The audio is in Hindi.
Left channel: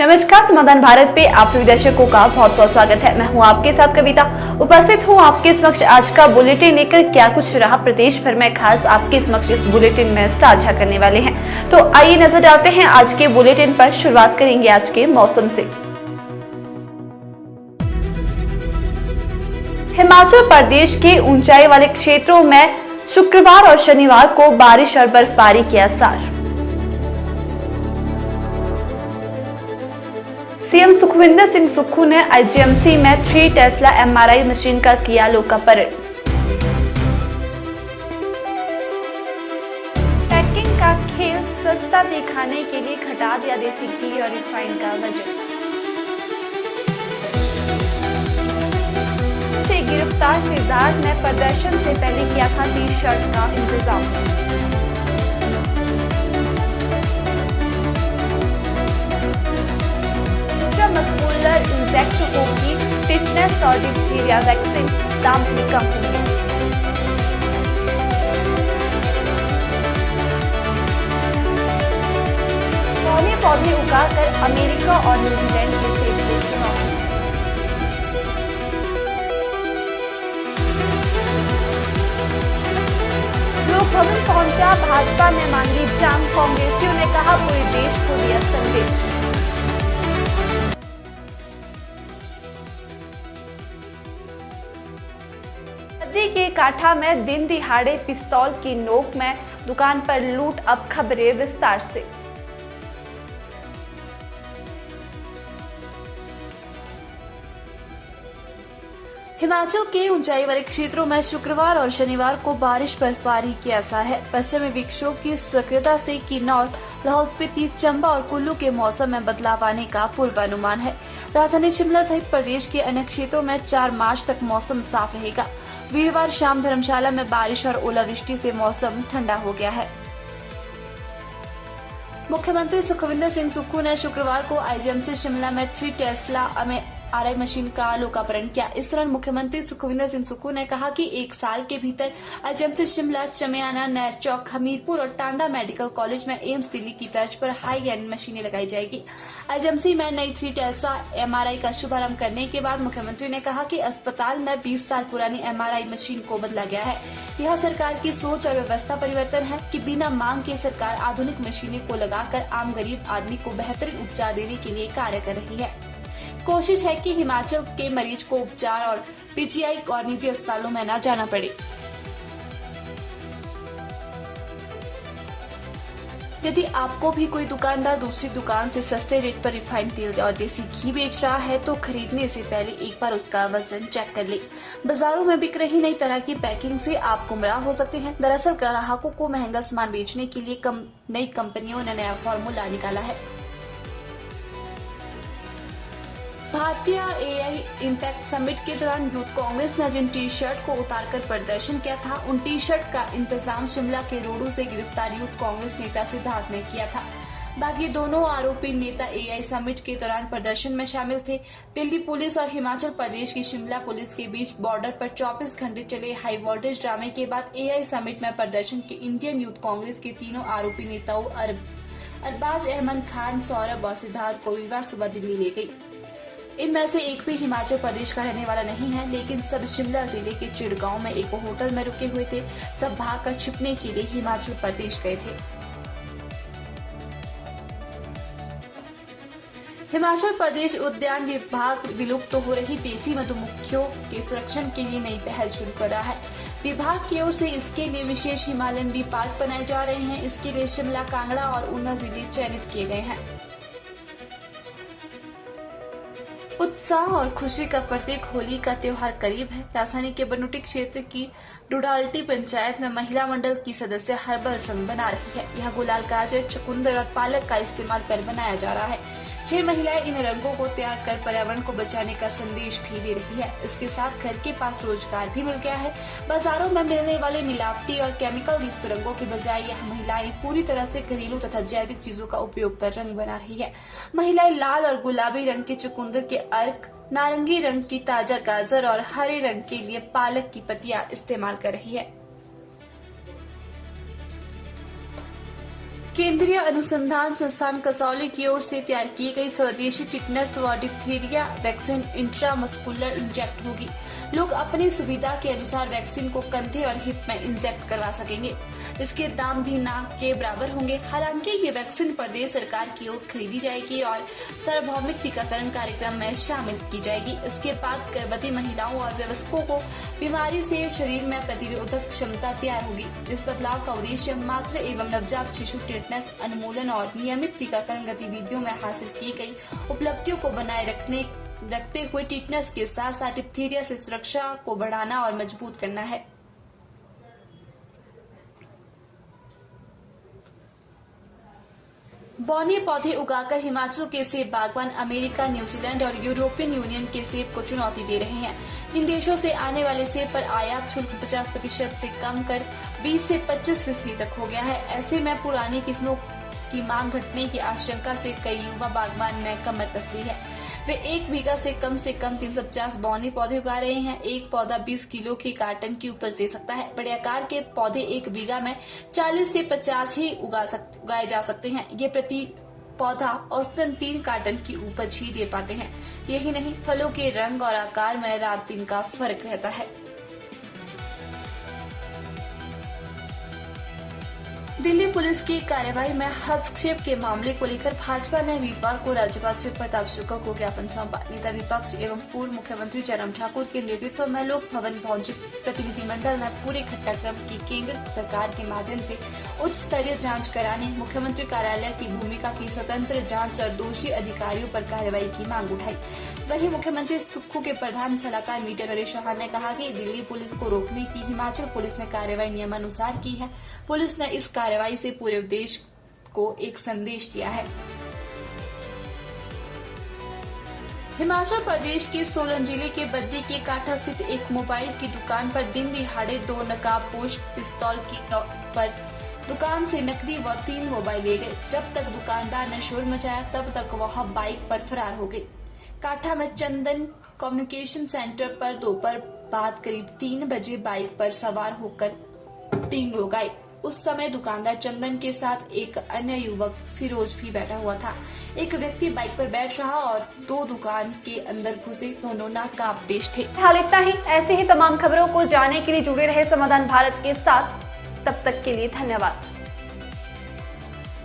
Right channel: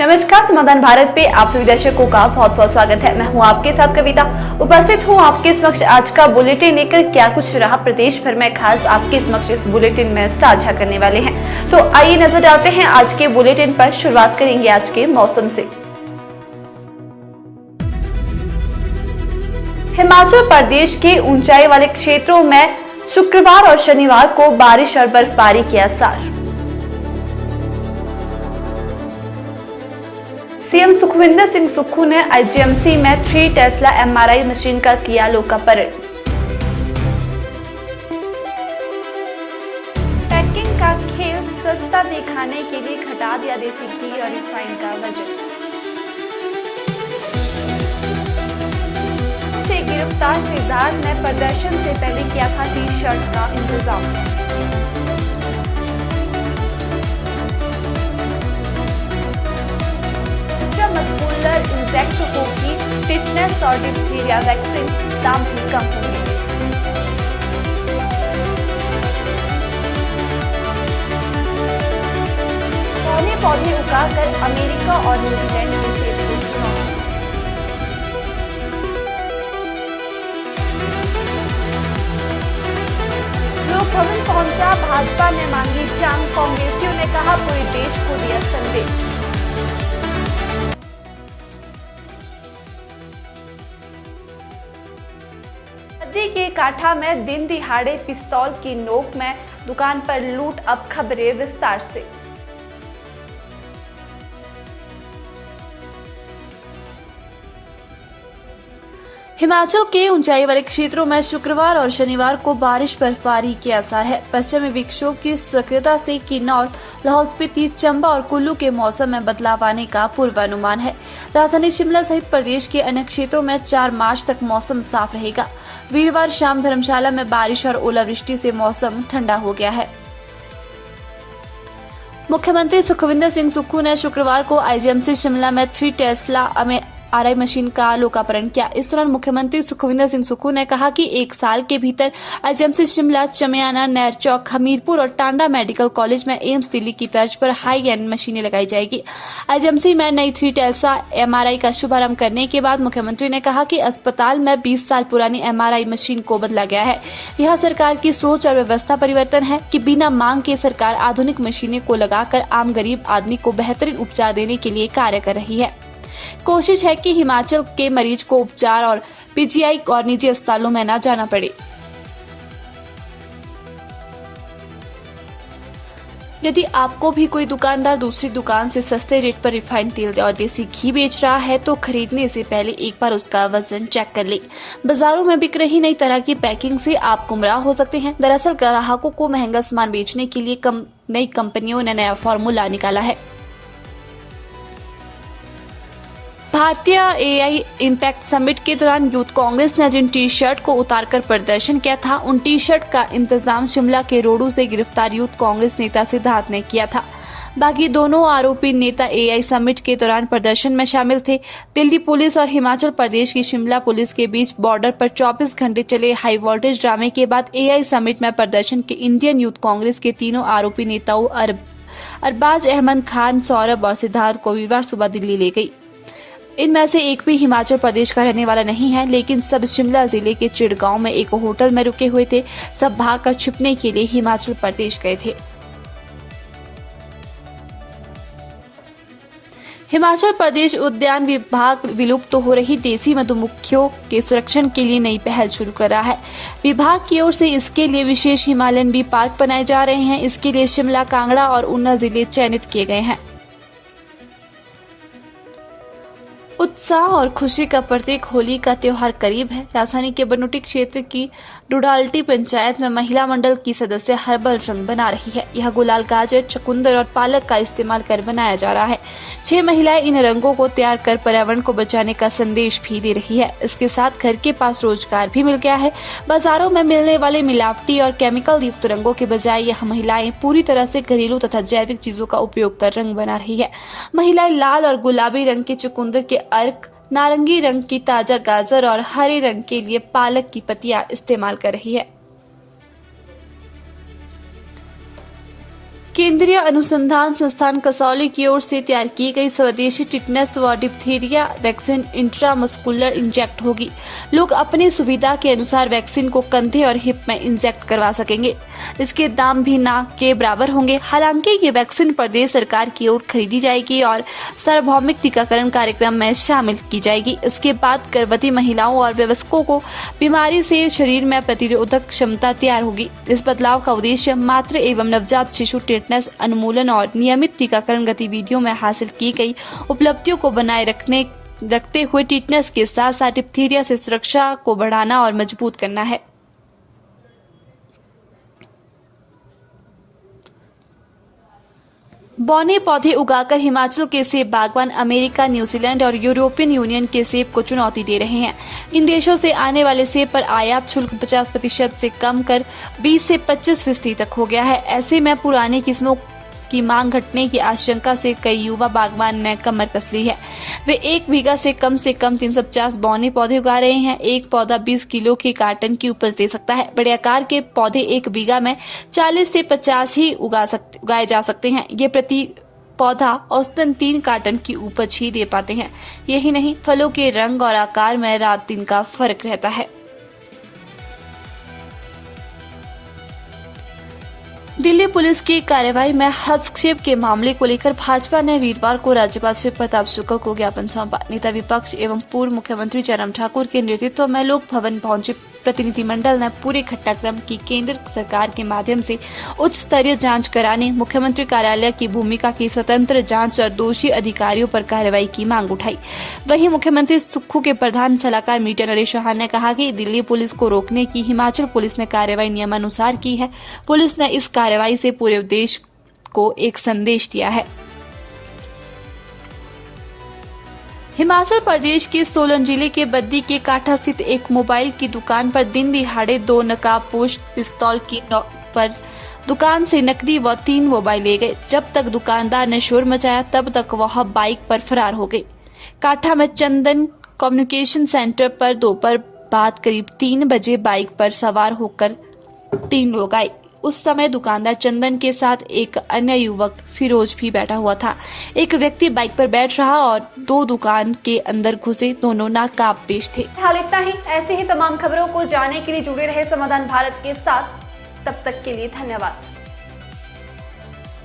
नमस्कार, समाधान भारत पे आप सभी दर्शकों का बहुत बहुत स्वागत है। मैं हूं आपके साथ कविता, उपस्थित हूं आपके समक्ष आज का बुलेटिन लेकर। क्या कुछ रहा प्रदेश भर में खास, आपके समक्ष इस बुलेटिन में साझा करने वाले हैं। तो आइए नजर डालते हैं आज के बुलेटिन पर। शुरुआत करेंगे आज के मौसम से। हिमाचल प्रदेश के ऊंचाई वाले क्षेत्रों में शुक्रवार और शनिवार को बारिश और बर्फबारी के आसार। सीएम सुखविंदर सिंह सुक्खू ने आईजीएमसी में 3 टेस्ला एमआरआई मशीन का किया लोकार्पण। पैकिंग का खेल सस्ता दिखाने के लिए घटा दिया देसी घी और रिफाइंड का वजन। से गिरफ्तार सिद्धार्थ ने प्रदर्शन से पहले किया था टी-शर्ट का इंतजाम। मस्कुलर इंजेक्शनों की टिटनेस और डिप्थीरिया वैक्सीन दाम भी कम होंगे। पौधे उगाकर अमेरिका और न्यूजीलैंड के सेब को चुनौती। लोक भवन पहुंचा भाजपा ने मांगी जान, कांग्रेसियों ने कहा पूरे देश को दिया संदेश। नदी के काठा में दिन दिहाड़े पिस्तौल की नोक में दुकान पर लूट, अब खबरें विस्तार से। हिमाचल के ऊंचाई वाले क्षेत्रों में शुक्रवार और शनिवार को बारिश बर्फबारी के आसार है। पश्चिमी विक्षोभ की सक्रियता से किन्नौर, लाहौल स्पीति, चंबा और कुल्लू के मौसम में बदलाव आने का पूर्वानुमान है। राजधानी शिमला सहित प्रदेश के अन्य क्षेत्रों में 4 मार्च तक मौसम साफ रहेगा। वीरवार शाम धर्मशाला में बारिश और ओलावृष्टि से मौसम ठंडा हो गया है। मुख्यमंत्री सुखविंदर सिंह सुक्खू ने शुक्रवार को आईजीएमसी शिमला में 3 टेस्ला एमआरआई मशीन का लोकार्पण किया। इस दौरान मुख्यमंत्री सुखविंदर सिंह सुक्खू ने कहा कि 1 साल के भीतर आईजीएमसी शिमला, चमियाना, नैरचौक, हमीरपुर और टांडा मेडिकल कॉलेज में एम्स दिल्ली की तर्ज पर हाई एंड मशीनें लगाई जाएगी। आईजीएमसी में नई 3 टेस्ला एमआरआई का शुभारंभ करने के बाद मुख्यमंत्री ने कहा कि अस्पताल में 20 साल पुरानी एमआरआई मशीन को बदला गया है। यह सरकार की सोच और व्यवस्था परिवर्तन है कि बिना मांग के सरकार आधुनिक मशीनें को लगाकर आम गरीब आदमी को बेहतरीन उपचार देने के लिए कार्य कर रही है। कोशिश है कि हिमाचल के मरीज को उपचार और पीजीआई और निजी अस्पतालों में न जाना पड़े। यदि आपको भी कोई दुकानदार दूसरी दुकान से सस्ते रेट पर रिफाइंड तेल और देसी घी बेच रहा है तो खरीदने से पहले एक बार उसका वजन चेक कर ले। बाजारों में बिक रही नई तरह की पैकिंग से आप गुमराह हो सकते हैं। दरअसल ग्राहकों को महंगा सामान बेचने के लिए नई कंपनियों ने नया फॉर्मूला निकाला है। भारतीय एआई इम्पैक्ट समिट के दौरान यूथ कांग्रेस ने जिन टी शर्ट को उतारकर प्रदर्शन किया था, उन टी शर्ट का इंतजाम शिमला के रोडू से गिरफ्तार यूथ कांग्रेस नेता सिद्धार्थ ने किया था। बाकी दोनों आरोपी नेता एआई समिट के दौरान प्रदर्शन में शामिल थे। दिल्ली पुलिस और हिमाचल प्रदेश की शिमला पुलिस के बीच बॉर्डर पर 24 घंटे चले हाई वोल्टेज ड्रामे के बाद एआई समिट में प्रदर्शन के इंडियन यूथ कांग्रेस के तीनों आरोपी नेताओं अरबाज अहमद खान, सौरभ और सिद्धार्थ को वीरवार सुबह दिल्ली ले गई। इनमें से एक भी हिमाचल प्रदेश का रहने वाला नहीं है, लेकिन सब शिमला जिले के चिड़गांव में एक होटल में रुके हुए थे। सब भागकर छिपने के लिए हिमाचल प्रदेश गए थे। हिमाचल प्रदेश उद्यान विभाग विलुप्त हो रही देसी मधुमक्खियों के संरक्षण के लिए नई पहल शुरू कर रहा है। विभाग की ओर से इसके लिए विशेष हिमालयन बी पार्क बनाए जा रहे हैं। इसके लिए शिमला, कांगड़ा और ऊना जिले चयनित किए गए हैं। उत्साह और खुशी का प्रतीक होली का त्योहार करीब है। राजधानी के बनूटी क्षेत्र की डुडाल्टी पंचायत में महिला मंडल की सदस्य हर्बल रंग बना रही है। यह गुलाल, गाजर, चुकंदर और पालक का इस्तेमाल कर बनाया जा रहा है। 6 महिलाएं इन रंगों को तैयार कर पर्यावरण को बचाने का संदेश भी दे रही है। इसके साथ घर के पास रोजगार भी मिल गया है। बाजारों में मिलने वाले मिलावटी और केमिकल युक्त रंगों के बजाय यह महिलाएं पूरी तरह से घरेलू तथा जैविक चीजों का उपयोग कर रंग बना रही है। महिलाएं लाल और गुलाबी रंग के चुकंदर के अर्क, नारंगी रंग की ताजा गाजर और हरे रंग के लिए पालक की पत्तियां इस्तेमाल कर रही है। केंद्रीय अनुसंधान संस्थान कसौली की ओर से तैयार की गई स्वदेशी टिटनेस व डिप्थीरिया वैक्सीन इंट्रामस्कुलर इंजेक्ट होगी। लोग अपनी सुविधा के अनुसार वैक्सीन को कंधे और हिप में इंजेक्ट करवा सकेंगे। इसके दाम भी ना के बराबर होंगे। हालांकि ये वैक्सीन प्रदेश सरकार की ओर खरीदी जाएगी और सार्वभौमिक टीकाकरण कार्यक्रम में शामिल की जाएगी। इसके बाद गर्भवती महिलाओं और वयस्कों को बीमारी से शरीर में प्रतिरोधक क्षमता तैयार होगी। इस बदलाव का उद्देश्य मातृ एवं नवजात शिशु टिटनेस उन्मूलन और नियमित टीकाकरण गतिविधियों में हासिल की गई उपलब्धियों को बनाए रखते हुए टिटनेस के साथ साथ डिप्थीरिया से सुरक्षा को बढ़ाना और मजबूत करना है। बौने पौधे उगाकर हिमाचल के सेब बागवान अमेरिका, न्यूजीलैंड और यूरोपियन यूनियन के सेब को चुनौती दे रहे हैं। इन देशों से आने वाले सेब पर आयात शुल्क 50% से कम कर 20 से 25% तक हो गया है। ऐसे में पुरानी किस्मों की मांग घटने की आशंका से कई युवा बागवान ने कमर कस ली है। वे 1 बीघा से कम 350 बौने पौधे उगा रहे हैं। एक पौधा 20 किलो के कार्टन की उपज दे सकता है। बड़े आकार के पौधे 1 बीघा में 40 से 50 ही उगाए जा सकते हैं। ये प्रति पौधा औसतन 3 कार्टन की उपज ही दे पाते हैं। यही नहीं, फलों के रंग और आकार में रात दिन का फर्क रहता है। दिल्ली पुलिस की कार्रवाई में हस्तक्षेप के मामले को लेकर भाजपा ने वीरवार को राज्यपाल श्री प्रताप शुक्ल को ज्ञापन सौंपा। नेता विपक्ष एवं पूर्व मुख्यमंत्री जयराम ठाकुर के नेतृत्व में लोक भवन पहुंचे प्रतिनिधिमंडल ने पूरे घटनाक्रम की केंद्र सरकार के माध्यम से उच्च स्तरीय जांच कराने, मुख्यमंत्री कार्यालय की भूमिका की स्वतंत्र जांच और दोषी अधिकारियों पर कार्रवाई की मांग उठाई। वहीं मुख्यमंत्री सुक्खू के प्रधान सलाहकार मीडिया नरेश चौहान ने कहा कि दिल्ली पुलिस को रोकने की हिमाचल पुलिस ने कार्रवाई नियमानुसार की है। पुलिस ने इस कार्रवाई से पूरे देश को एक संदेश दिया है। हिमाचल प्रदेश के सोलन जिले के बद्दी के काठा स्थित एक मोबाइल की दुकान पर दिन दिहाड़े 2 नकाबपोश पिस्तौल की नोक पर दुकान से नकदी व 3 मोबाइल ले गए। जब तक दुकानदार ने शोर मचाया तब तक वह बाइक पर फरार हो गई। काठा में चंदन कम्युनिकेशन सेंटर पर दोपहर बाद करीब 3 बजे बाइक पर सवार होकर 3 लोग आए। उस समय दुकानदार चंदन के साथ एक अन्य युवक फिरोज भी बैठा हुआ था। एक व्यक्ति बाइक पर बैठ रहा और 2 दुकान के अंदर घुसे। दोनों नकाबपोश थे। हाल इतना ही। ऐसे ही तमाम खबरों को जानने के लिए जुड़े रहे समाधान भारत के साथ। तब तक के लिए धन्यवाद।